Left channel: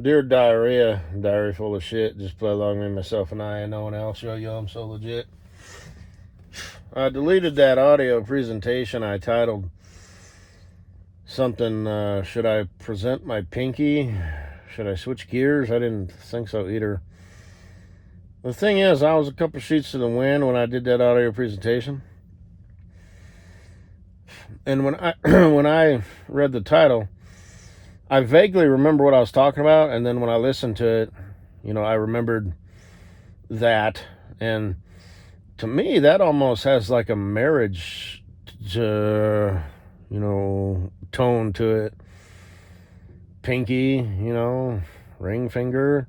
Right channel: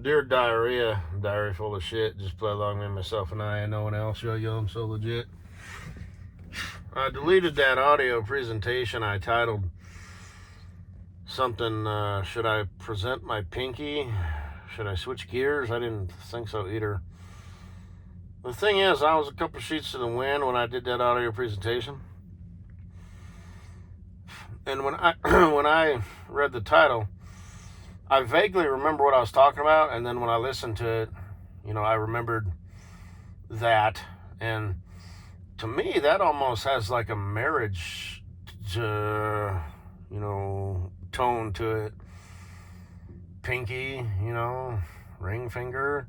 Dear Diarrhea, diary full of shit. Just play along with myself and I and no one else. Yo, I'm so legit. I deleted that audio presentation. I titled something, should I present my pinky? Should I switch gears? I didn't think so either. The thing is, I was a couple sheets to the wind when I did that audio presentation. And when I when I read the title, I vaguely remember what I was talking about, and then when I listened to it, I remembered that. And to me, that almost has like a marriage, tone to it. Pinky, ring finger.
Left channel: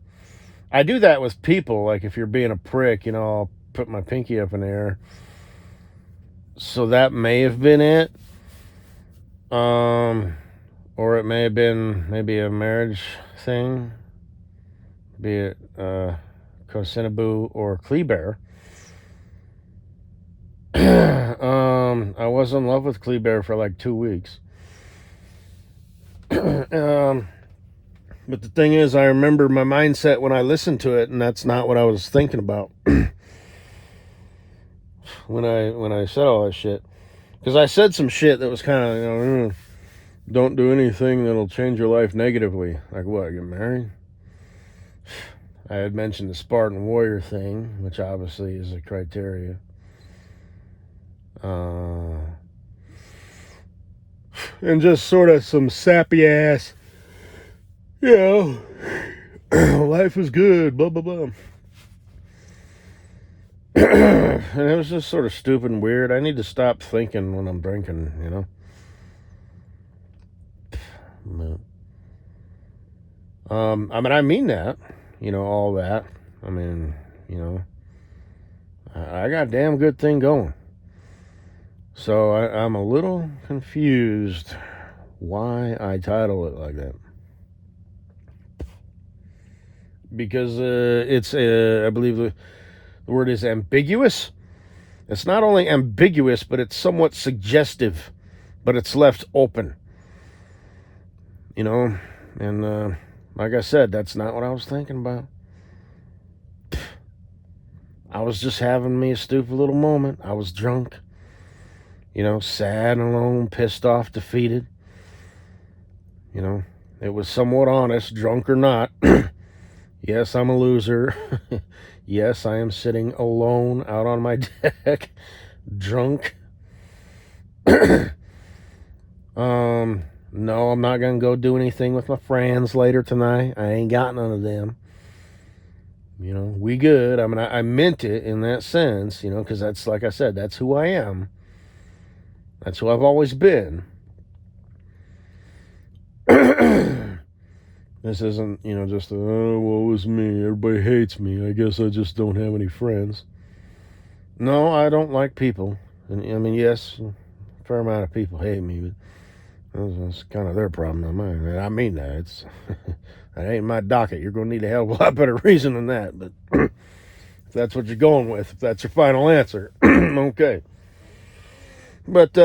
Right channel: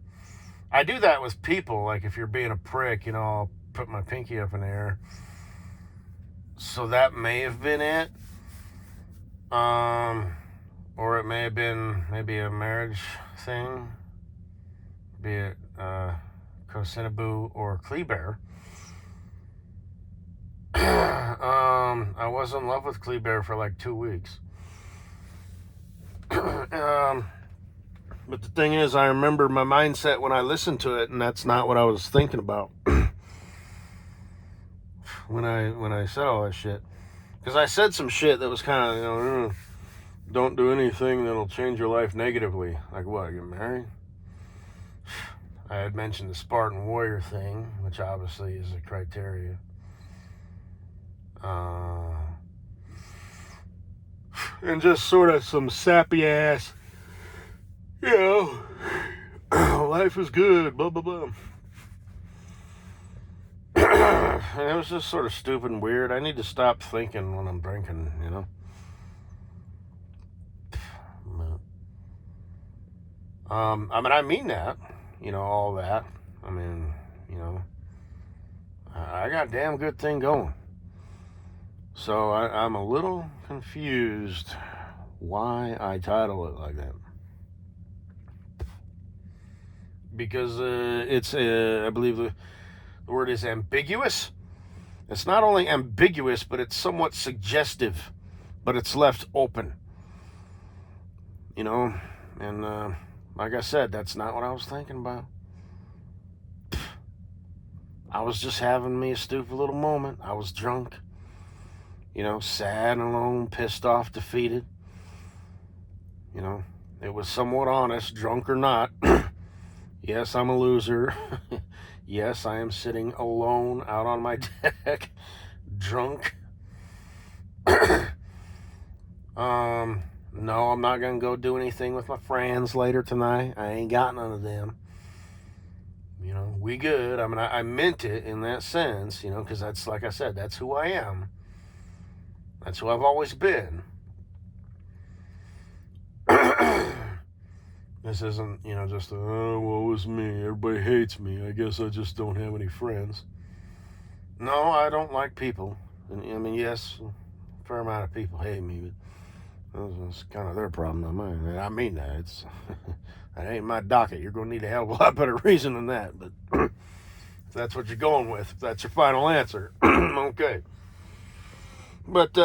I do that with people. Like if you're being a prick, I'll put my pinky up in the air. So that may have been it. Or it may have been maybe a marriage thing. Be it Kosinaboo or Kleber. I was in love with Kleber for like 2 weeks. But the thing is, I remember my mindset when I listened to it, and that's not what I was thinking about when I said all that shit. Because I said some shit that was kind of, don't do anything that'll change your life negatively. Like what, get married? I had mentioned the Spartan warrior thing, which obviously is a criteria. And just sort of some sappy ass, life is good, blah, blah, blah. And it was just sort of stupid and weird. I need to stop thinking when I'm drinking, I mean that, all that. I mean, I got a damn good thing going. So I'm a little confused why I title it like that. Because it's, I believe the word is ambiguous. It's not only ambiguous, but it's somewhat suggestive, but it's left open. And like I said, that's not what I was thinking about. I was just having me a stupid little moment. I was drunk, sad and alone, pissed off, defeated. It was somewhat honest, drunk or not. Yes, I'm a loser. Yes, I am sitting alone out on my deck, drunk. No, I'm not gonna go do anything with my friends later tonight. I ain't got none of them. We good. I mean, I meant it in that sense, because that's, like I said, that's who I am. That's who I've always been. This isn't, just woe is me. Everybody hates me. I guess I just don't have any friends. No, I don't like people. And I mean, yes, a fair amount of people hate me, but that's kind of their problem, not mine. And I mean that. It's that ain't my docket. You're going to need a hell of a lot better reason than that. But if that's what you're going with, if that's your final answer, okay. But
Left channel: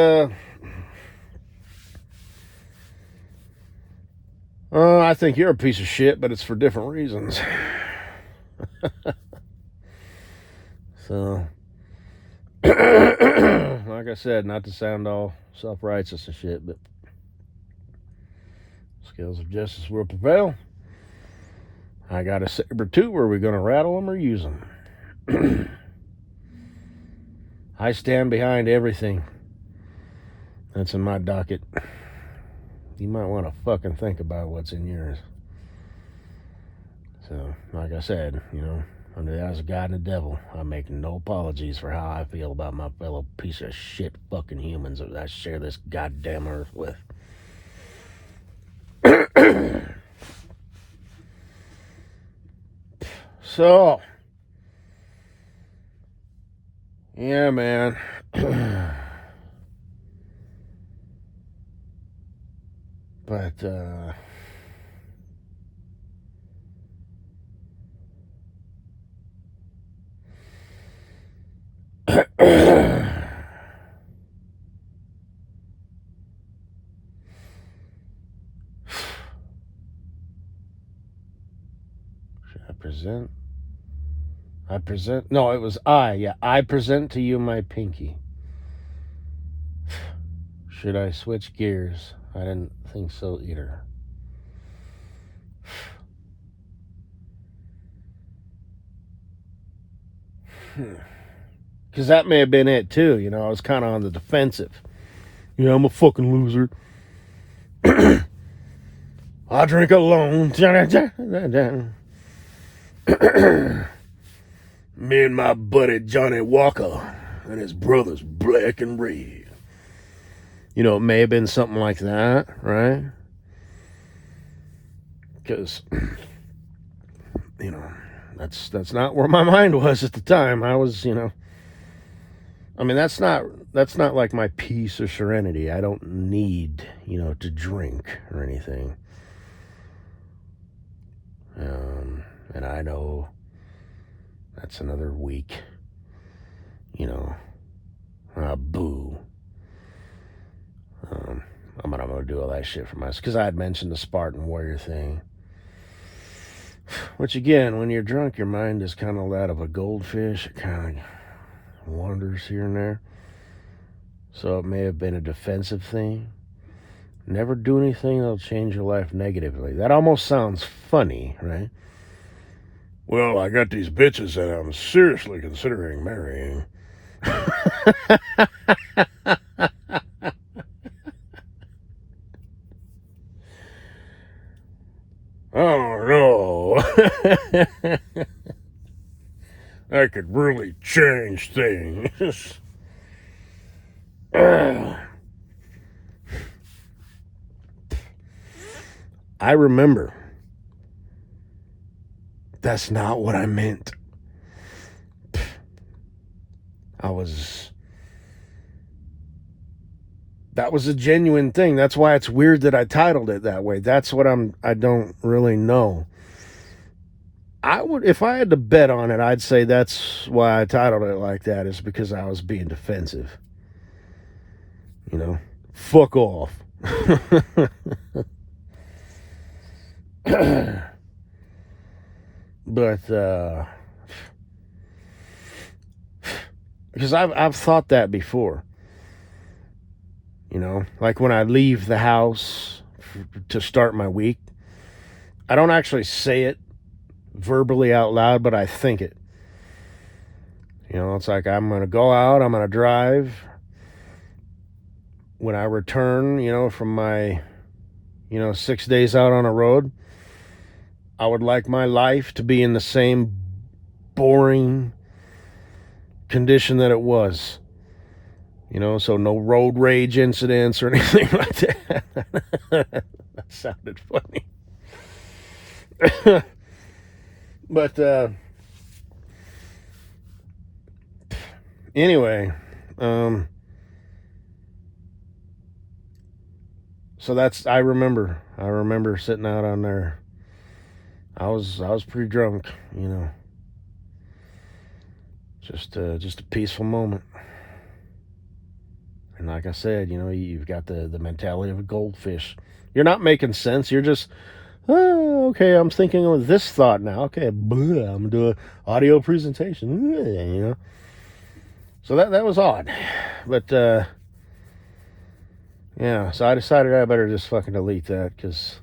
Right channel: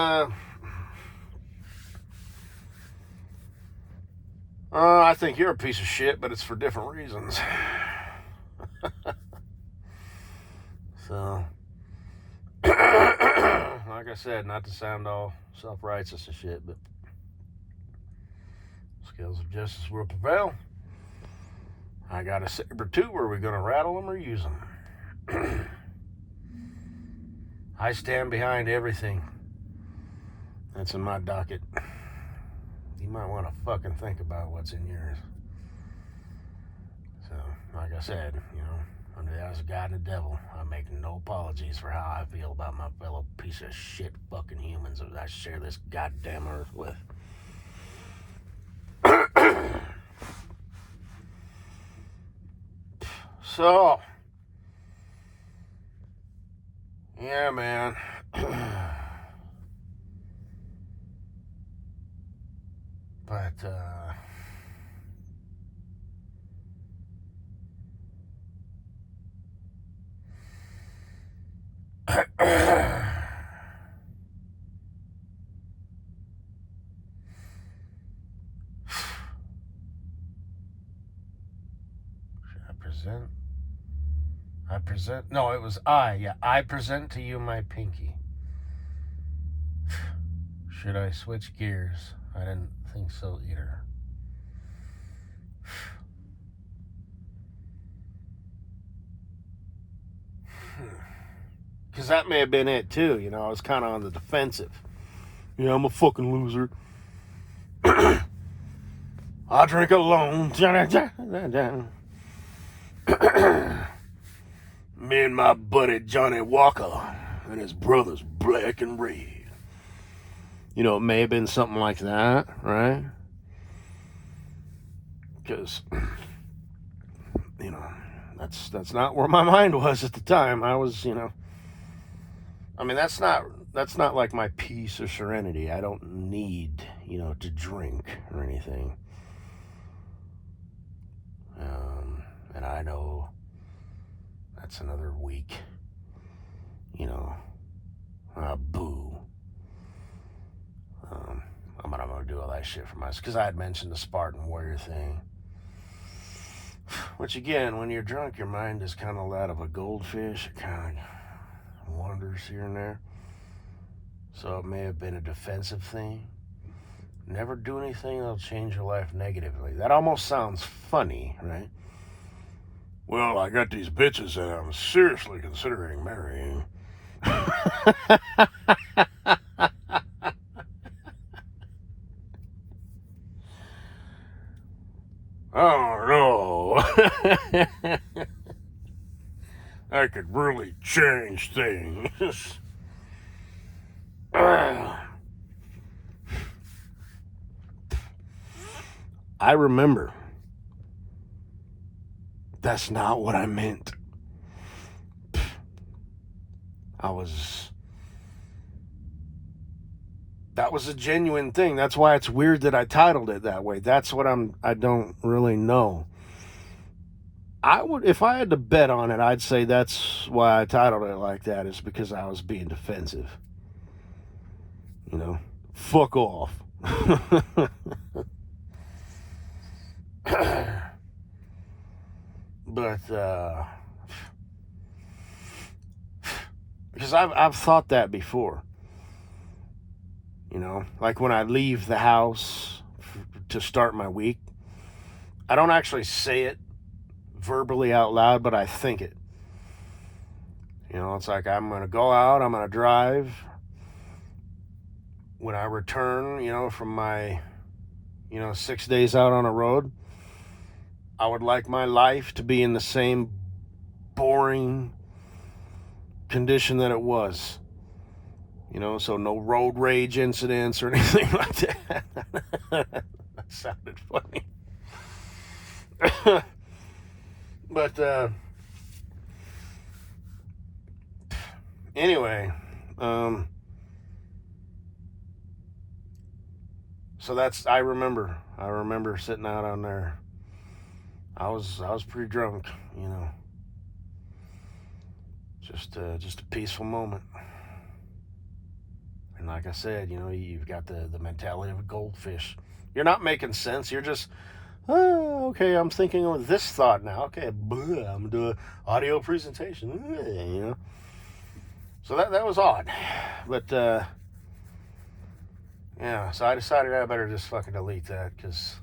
I think you're a piece of shit, but it's for different reasons. So, like I said, not to sound all self-righteous and shit, but scales of justice will prevail. I got a saber too. Are we going to rattle them or use them? I stand behind everything that's in my docket. You might want to fucking think about what's in yours. So, like I said, under the eyes of God and the devil, I make no apologies for how I feel about my fellow piece of shit fucking humans that I share this goddamn earth with. So, yeah, man. But, present. No, it was I. Yeah, I present to you my pinky. Should I switch gears? I didn't think so either. Because that may have been it too. I was kind of on the defensive. Yeah, I'm a fucking loser. I drink alone. Me and my buddy Johnny Walker and his brothers Black and Red. It may have been something like that, right? Because, that's not where my mind was at the time. I was, that's not like my peace or serenity. I don't need, to drink or anything. And I know that's another week, boo. I'm gonna do all that shit for myself because I had mentioned the Spartan warrior thing. Which again, when you're drunk, your mind is kind of that of a goldfish. It kind of wanders here and there. So it may have been a defensive thing. Never do anything that'll change your life negatively. That almost sounds funny, right? Well, I got these bitches that I'm seriously considering marrying. Oh no. That could really change things. I remember. That's not what I meant. That was a genuine thing. That's why it's weird that I titled it that way. That's what I don't really know. If I had to bet on it, I'd say that's why I titled it like that, is because I was being defensive. Fuck off. But because I've thought that before. Like when I leave the house to start my week, I don't actually say it verbally out loud, but I think it. It's like I'm going to go out, I'm going to drive. When I return, from my, 6 days out on a road, I would like my life to be in the same boring condition that it was. So no road rage incidents or anything like that. That sounded funny. But anyway, so I remember sitting out on there. I was pretty drunk, just a peaceful moment. And like I said, you've got the mentality of a goldfish. You're not making sense. You're just, oh, okay, I'm thinking of this thought now. Okay, I'm going to do an audio presentation, So that was odd. But, yeah, so I decided I better just fucking delete that, because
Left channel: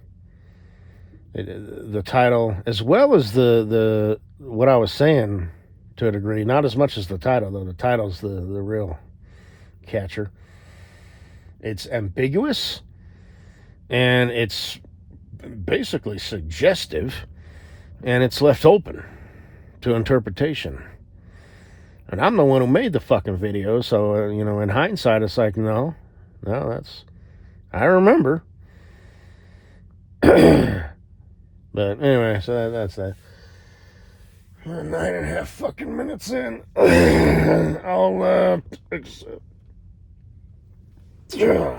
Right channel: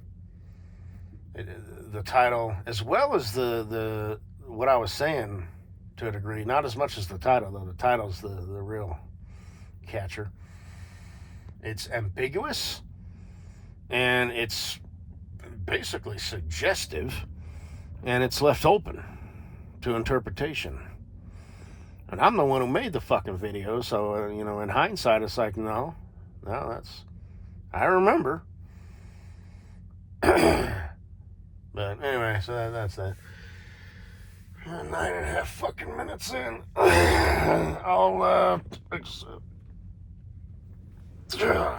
the title, as well as the what I was saying to a degree, not as much as the title, though. The title's the real catcher. It's ambiguous, and it's basically suggestive, and it's left open to interpretation. And I'm the one who made the fucking video, so, in hindsight, it's like, no, I remember. But anyway, so that's that. 9.5 fucking minutes in. I'll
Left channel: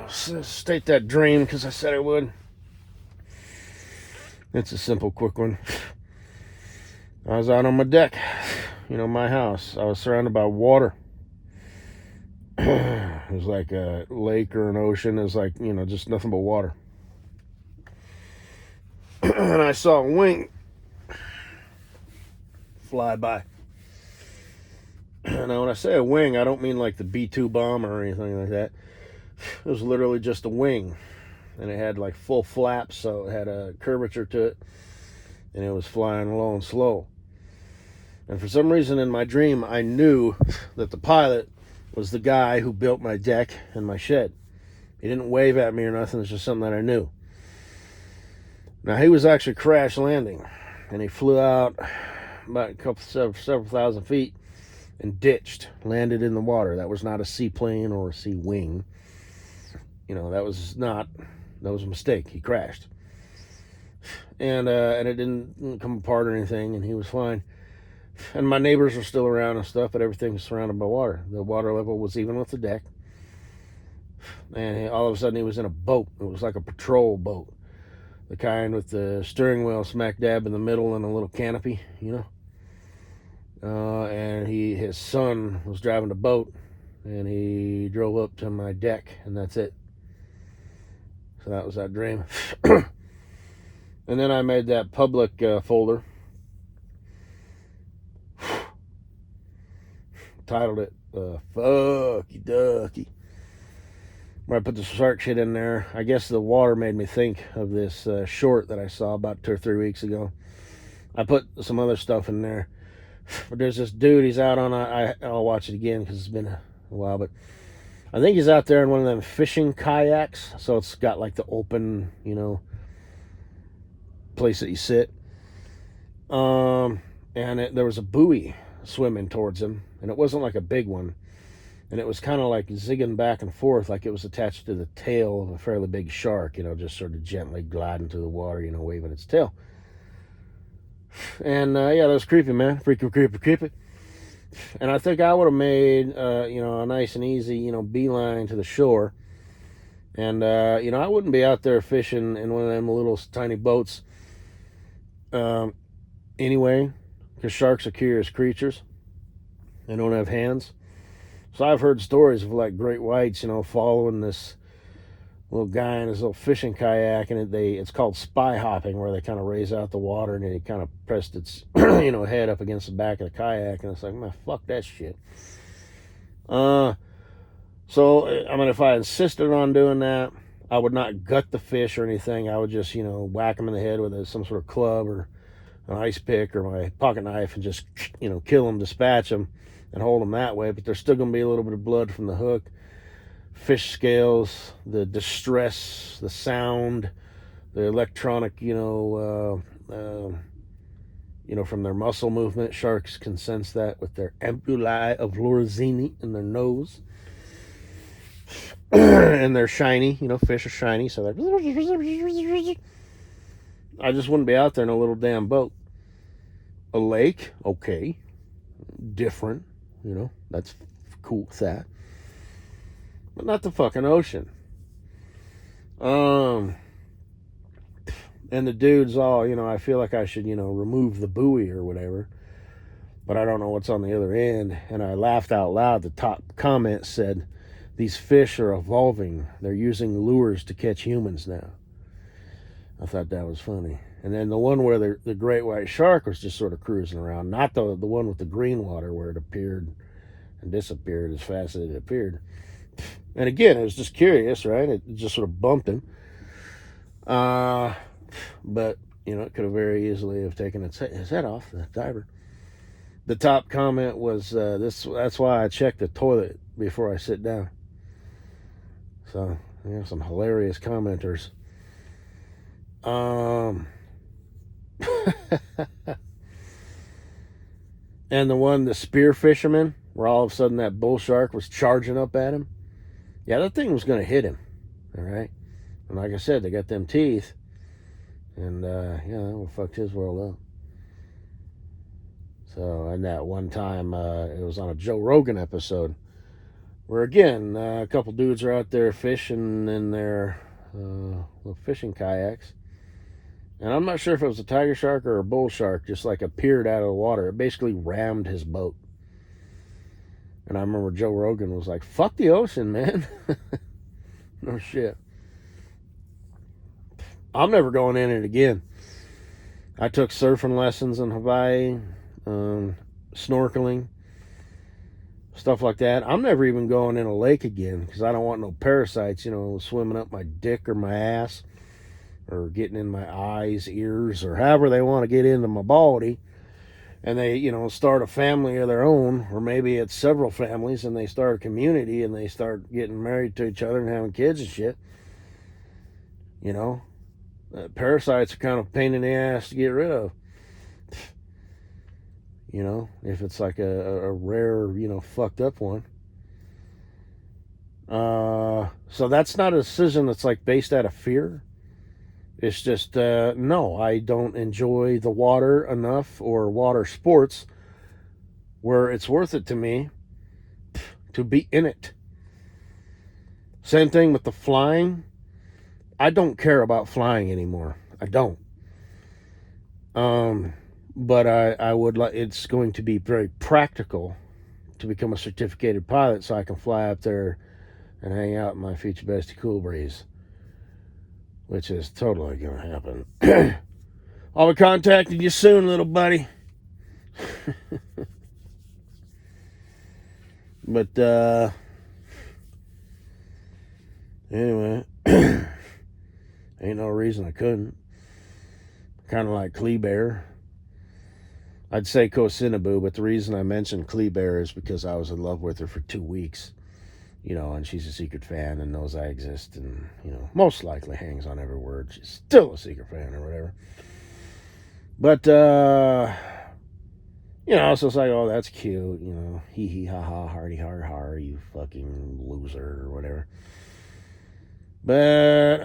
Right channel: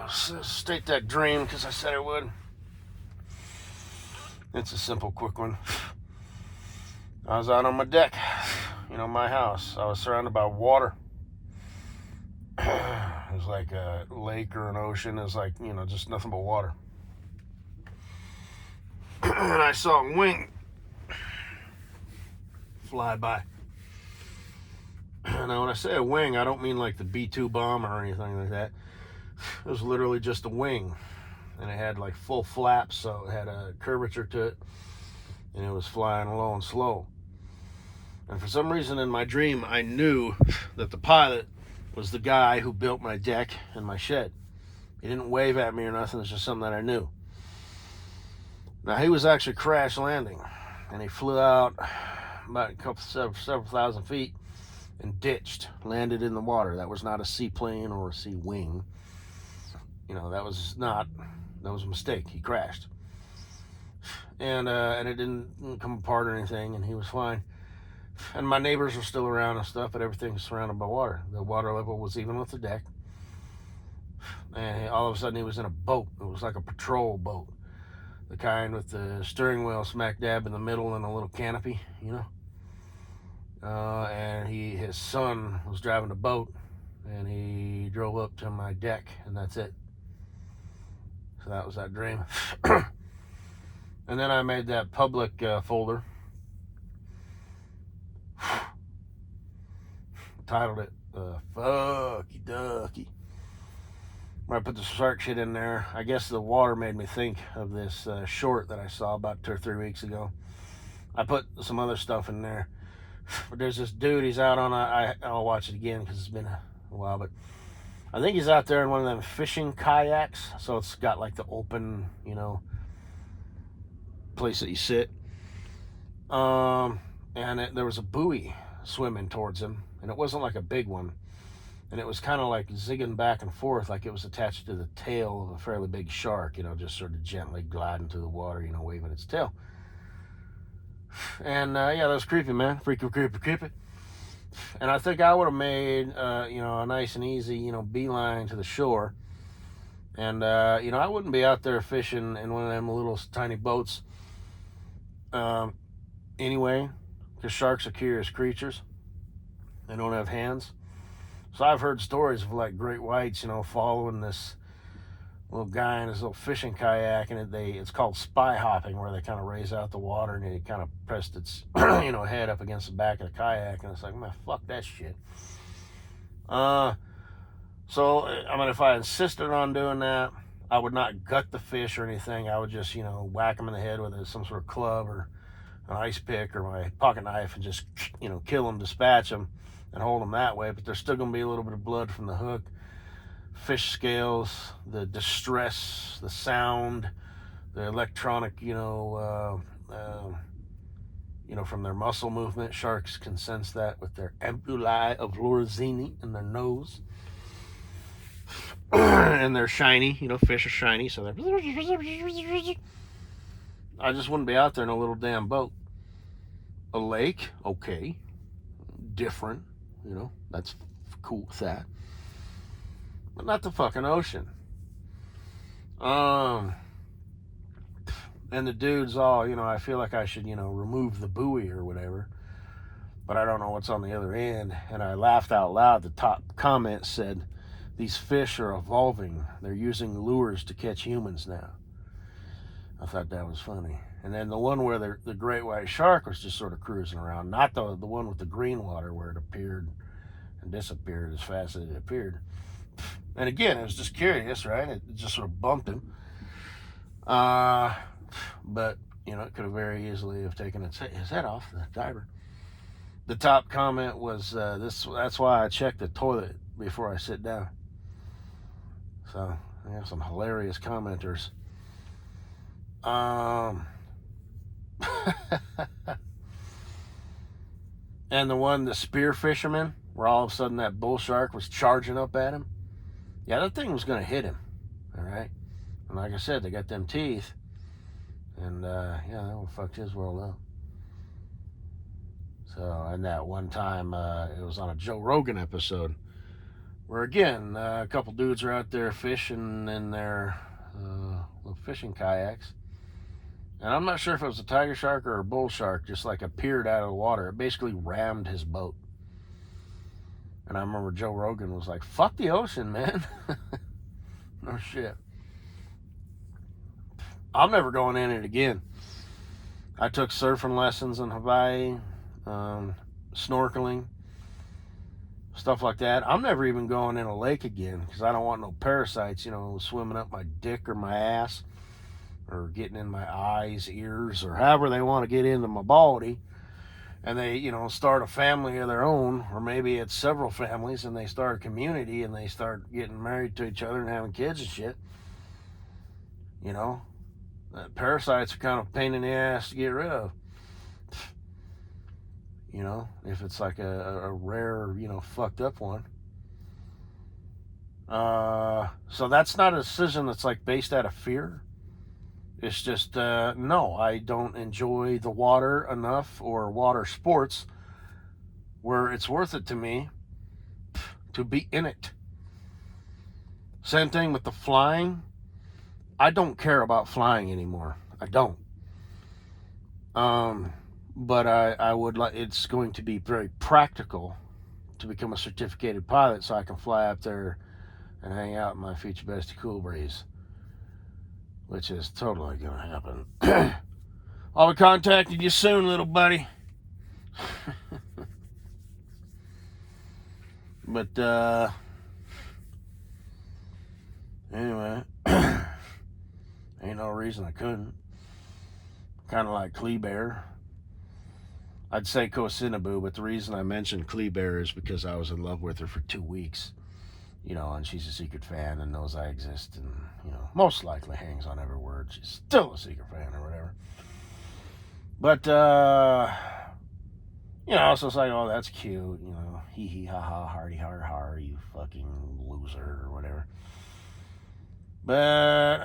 state that dream because I said I would. It's a simple, quick one. I was out on my deck, my house. I was surrounded by water. It was like a lake or an ocean. It was like, just nothing but water. And I saw a wing fly by. Now, when I say a wing, I don't mean like the B-2 bomber or anything like that. It was literally just a wing, and it had like full flaps, so it had a curvature to it, and it was flying low and slow. And for some reason in my dream, I knew that the pilot was the guy who built my deck and my shed. He didn't wave at me or nothing. It's just something that I knew. Now, he was actually crash landing, and he flew out about several thousand feet and ditched, landed in the water. That was not a seaplane or a sea wing. You know, that was a mistake. He crashed. And it didn't come apart or anything, and he was fine. And my neighbors are still around and stuff, but everything was surrounded by water. The water level was even with the deck. And all of a sudden he was in a boat. It was like a patrol boat. The kind with the steering wheel smack dab in the middle and a little canopy, you know. And his son was driving the boat, and he drove up to my deck, and that's it. So that was that dream. And then I made that public folder. Titled it Fucky Ducky. Where I put the shark shit in there. I guess the water made me think of this short that I saw about 2 or 3 weeks ago. I put some other stuff in there. But there's this dude, he's out on I'll watch it again because it's been a while, but I think he's out there in one of them fishing kayaks. So it's got like the open, you know, place that you sit. And there was a buoy swimming towards him, and it wasn't like a big one, and it was kind of like zigging back and forth like it was attached to the tail of a fairly big shark, you know, just sort of gently gliding through the water, you know, waving its tail. And yeah, that was creepy, man. Creepy. And I think I would have made you know, a nice and easy, you know, beeline to the shore. And you know, I wouldn't be out there fishing in one of them little tiny boats anyway, because sharks are curious creatures. They don't have hands. So I've heard stories of like great whites, you know, following this little guy in his little fishing kayak, and it's called spy hopping, where they kind of raise out the water and he kind of pressed its you know, head up against the back of the kayak, and it's like, man, fuck that shit. So I mean, if I insisted on doing that, I would not gut the fish or anything. I would just, you know, whack him in the head with some sort of club or an ice pick or my pocket knife and just, you know, kill them, dispatch them, and hold them that way. But there's still going to be a little bit of blood from the hook, fish scales, the distress, the sound, the electronic, you know, from their muscle movement. Sharks can sense that with their ampullae of Lorenzini in their nose. And they're shiny, you know, fish are shiny, so they're... I just wouldn't be out there in a little damn boat. A lake, okay, different, you know, that's cool with that, but not the fucking ocean. And the dude's all, you know, I feel like I should, you know, remove the buoy or whatever, but I don't know what's on the other end. And I laughed out loud. The top comment said, "These fish are evolving. They're using lures to catch humans now." I thought that was funny. And then the one where the great white shark was just sort of cruising around, not the one with the green water where it appeared and disappeared as fast as it appeared. And again, it was just curious, right? It just sort of bumped him. But, you know, it could have very easily have taken his head off, the diver. The top comment was, that's why I check the toilet before I sit down. So, yeah, some hilarious commenters. And the spear fisherman, where all of a sudden that bull shark was charging up at him. Yeah, that thing was going to hit him. All right. And like I said, they got them teeth. And, yeah, that one fucked his world up. So, and that one time, it was on a Joe Rogan episode, where again, a couple dudes are out there fishing in their little fishing kayaks. And I'm not sure if it was a tiger shark or a bull shark, just like appeared out of the water. It basically rammed his boat. And I remember Joe Rogan was like, "Fuck the ocean, man." No shit. I'm never going in it again. I took surfing lessons in Hawaii. snorkeling, stuff like that. I'm never even going in a lake again because I don't want no parasites, swimming up my dick or my ass or getting in my eyes, ears, or however they want to get into my body. And they, start a family of their own, or maybe it's several families, and they start a community and they start getting married to each other and having kids and shit. Parasites are kind of a pain in the ass to get rid of. If it's like a rare, fucked up one. So that's not a decision that's like based out of fear. It's just, no, I don't enjoy the water enough or water sports where it's worth it to me to be in it. Same thing with the flying. I don't care about flying anymore. I don't. But I would like. It's going to be very practical to become a certificated pilot, so I can fly up there and hang out in my future bestie Cool Breeze, which is totally going to happen. I'll be contacting you soon, little buddy. But anyway, ain't no reason I couldn't. Kind of like Kleber. I'd say Theze-phuq'n-phonez, but the reason I mentioned Kleber is because I was in love with her for 2 weeks. And she's a secret fan and knows I exist and, most likely hangs on every word. She's still a secret fan or whatever. But, so it's like, oh, that's cute, hee hee ha ha, hardy har har, you fucking loser or whatever. But,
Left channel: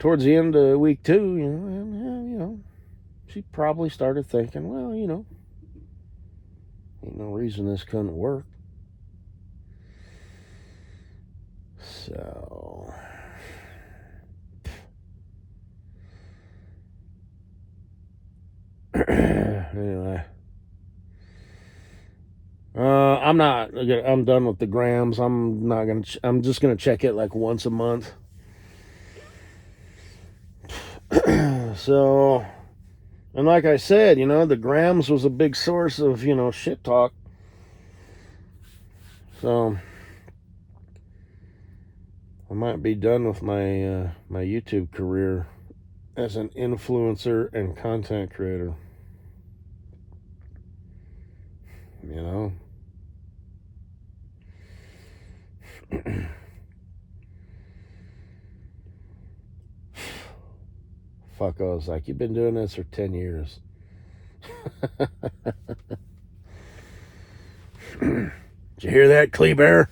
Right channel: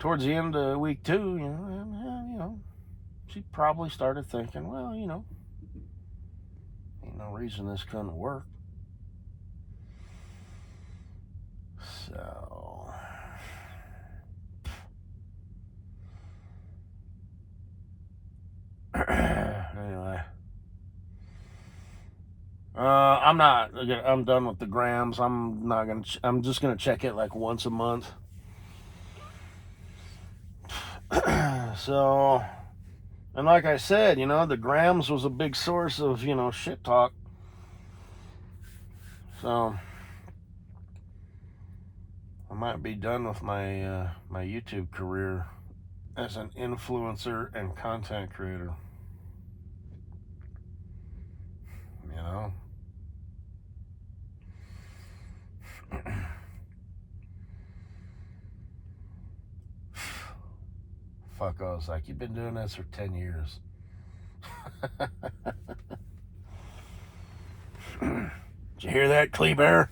towards the end of week 2, she probably started thinking, well, ain't no reason this couldn't work. So, anyway, I'm done with the grams. I'm just gonna check it like once a month. So, and like I said, the grams was a big source of, shit talk. So, I might be done with my my YouTube career as an influencer and content creator. Fuck, I was like, you've been doing this for 10 years. Did you hear that, Kleber?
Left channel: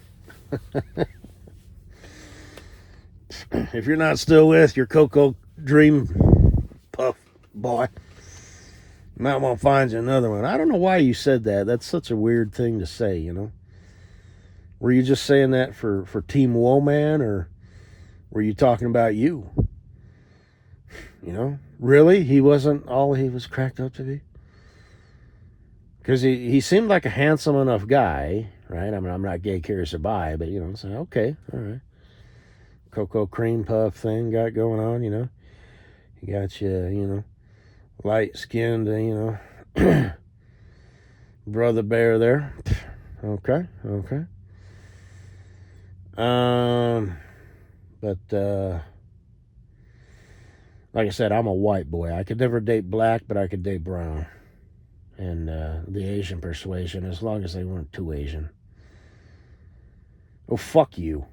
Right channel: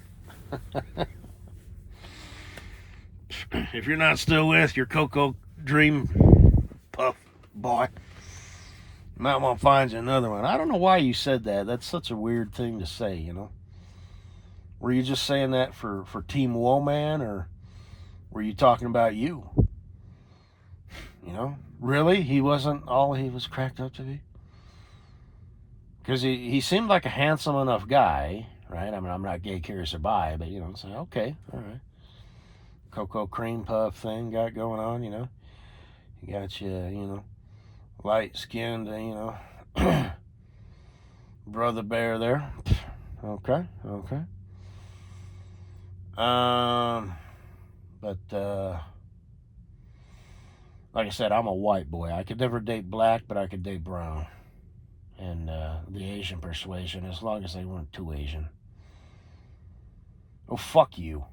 If you're not still with your Cocoa Dream Puff boy, you might want to find you another one. I don't know why you said that. That's such a weird thing to say, Were you just saying that for Team Woman, or were you talking about you? Really? He wasn't all he was cracked up to be? Because he seemed like a handsome enough guy, right? I mean, I'm not gay, curious, or bi, but, say, okay, all right. Cocoa cream puff thing got going on, You got you, light-skinned, brother bear there. Okay. But, like I said, I'm a white boy. I could never date black, but I could date brown. And the Asian persuasion, as long as they weren't too Asian. Oh, fuck you.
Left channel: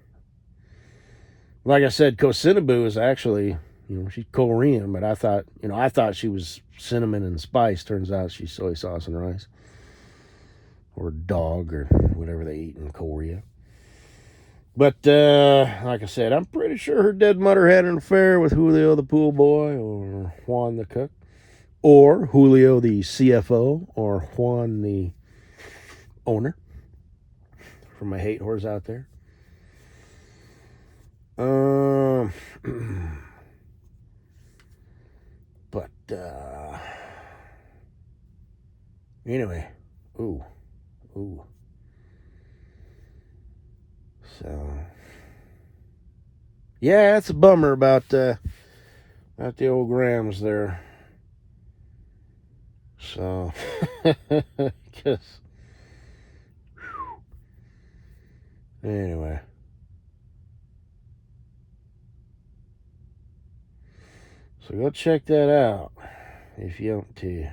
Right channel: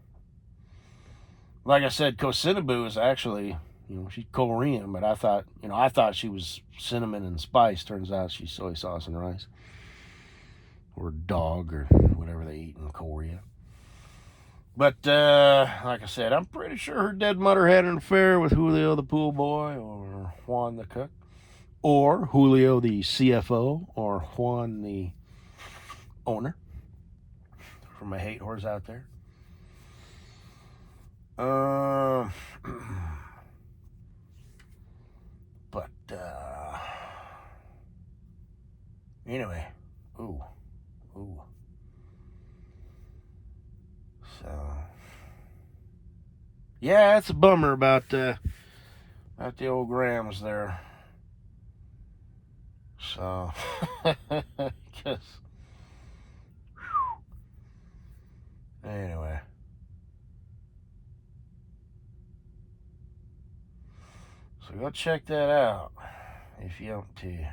Like I said, Theze-phuq'n-phonez is actually, she's Korean, but I thought she was cinnamon and spice. Turns out she's soy sauce and rice. Or dog, or whatever they eat in Korea. But, like I said, I'm pretty sure her dead mother had an affair with Julio the pool boy, or Juan the cook, or Julio the CFO, or Juan the owner. For my hate whores out there. But, anyway, ooh. So, yeah, it's a bummer about the old grams there. So, because, anyway. So go check that out if you want to.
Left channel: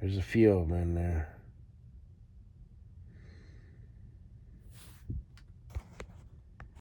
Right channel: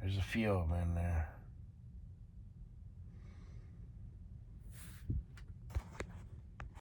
There's a few of them in there.